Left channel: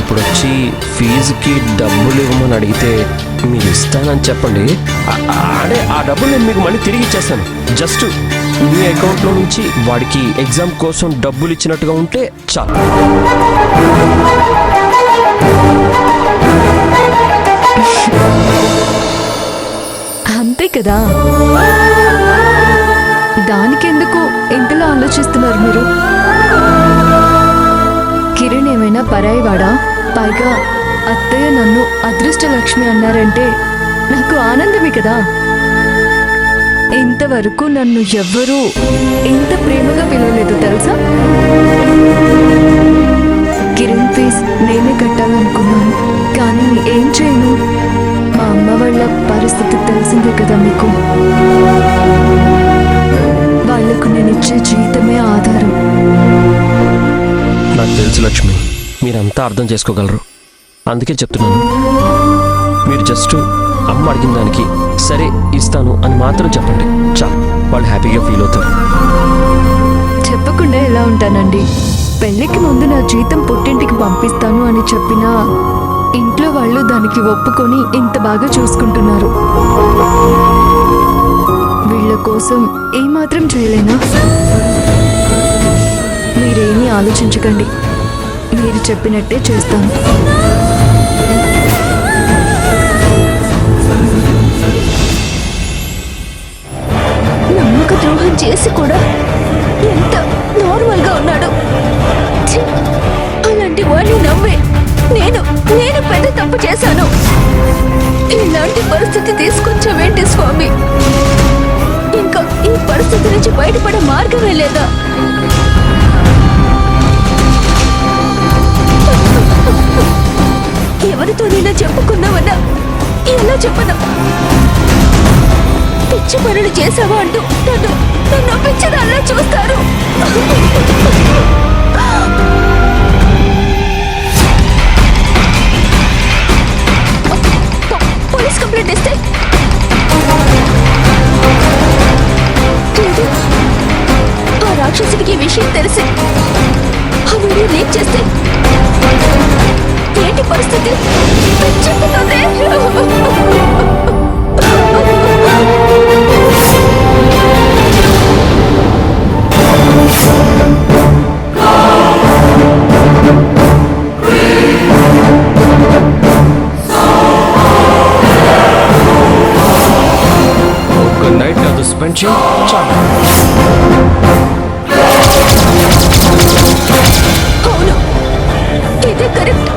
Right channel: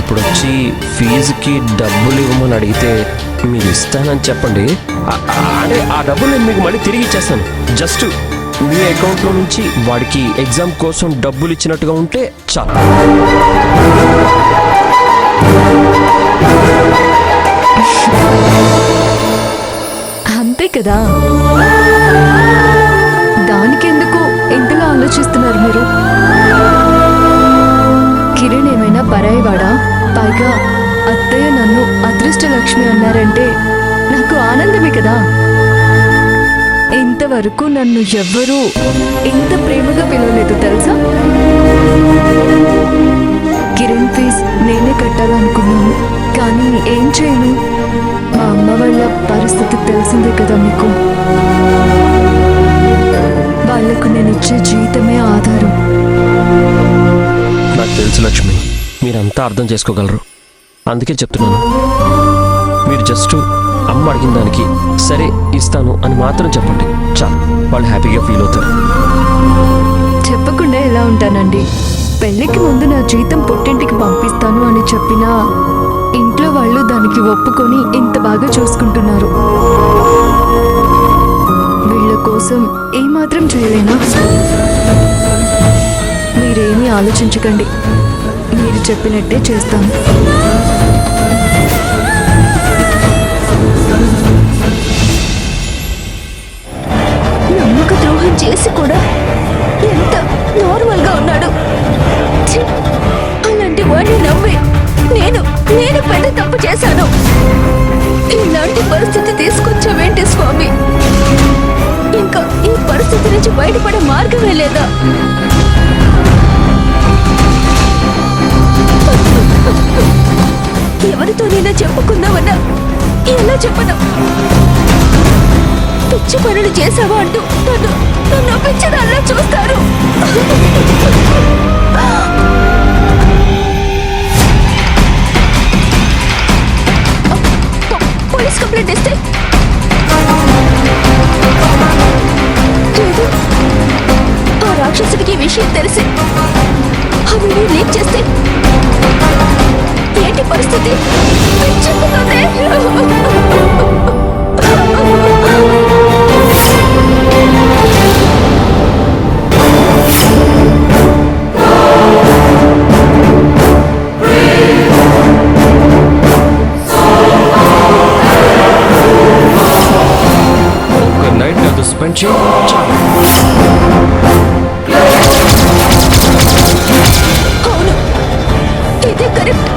ఇప్పుడు వచ్చి ఫీజుకి డబ్బులు ఇవ్వమని అడిగితే మీరు ఇస్తానని చెప్పండి. అంటే ఆ డబ్బులు నేను మీకు మళ్ళీ తిరిగి ఇచ్చేస్తాను. జస్ట్ మీ అకౌంట్లో నుంచి వాడికి ఎగ్జామ్ కోసం డబ్బులు ఇచ్చినట్టుగా ఉంటే చాలు. అంతే కదా, దానికెందుకు ఇంతలా ఆలోచిస్తున్నారు మీరు? కిరణ్ ఏమైనా పరాయివాడా? పైగా అత్తయ్య నన్ను అదృష్టలక్ష్మి అన్నారంటే నాకు ఆనందమే కదా. ఇంతవరకు నన్ను ఎవ్వరూ ఎంత ప్రేమగా పిలవలేదు తెలుసా. కిరణ్ ఫీజ్ నేనే కట్టాలనుకున్నాను, కానీ ఏం చేయను. మా అమ్మ వాళ్ళ పరిస్థితి తెలిసిందే కదా మీకు. వాళ్లకు నేను ఇచ్చే జీతమే ఆధారం. నాకు తెలుసు లక్ష్మి, మీరంతా అర్థం చేసుకోగలరు. అందుకే చెప్తున్నాను, మీరు జస్ట్ అమ్మ అడిగిన దానికి సరే ఇస్తాను అని మాత్రం చెప్పండి చాలు. వాళ్ళు హ్యాపీగా ఫీల్ అవుతారు. చెప్పకుండా ఎలా ఉంటానండి? పెళ్లికి ముందు నా జీతం పుట్టింటికి పంపిస్తాను అని చెప్పినా ఇంట్లో వాళ్ళు దానికి ఒప్పుకొని ఇంత బాగా చూసుకుంటున్నారు. వీళ్ళ కోసం ఏమాత్రం చేయలేనా? మీరేమీ ఆలోచించకండి, మీరు చెప్పినట్టే చేస్తాను. నమ్మక ద్రోహం చేసి కూడా ఎంత నార్మల్ గా ఉన్నాడు. అలాంటి వాడిని నమ్మి నేను పెద్ద తప్పు చేశాను. ఇలాంటి పరిస్థితి తీసుకొచ్చావేంటి స్వామి? ఇంకా ఈ పరిస్థితి నుంచి బయటపడే మార్గమే లేదా? ఎవరితో నేను చెప్పుకుందామన్నా ఎలా చెప్పను? పిచ్చి పనులు చేసావా అంటూ నన్ను పిచ్చిదాల్లా చూస్తారు. పోలీస్ కంప్లైంట్ ఇస్తే లేదు, ఆ రాక్షసుడికి విషయం తెలిసి ఆ వీడియో లీక్ చేస్తే ఏంటి పరిస్థితి? పిచ్చెక్కుతుంది. ఒక నైట్ అది స్పెండ్ చేయి చాలు. అవును, ఇదే కరెక్ట్.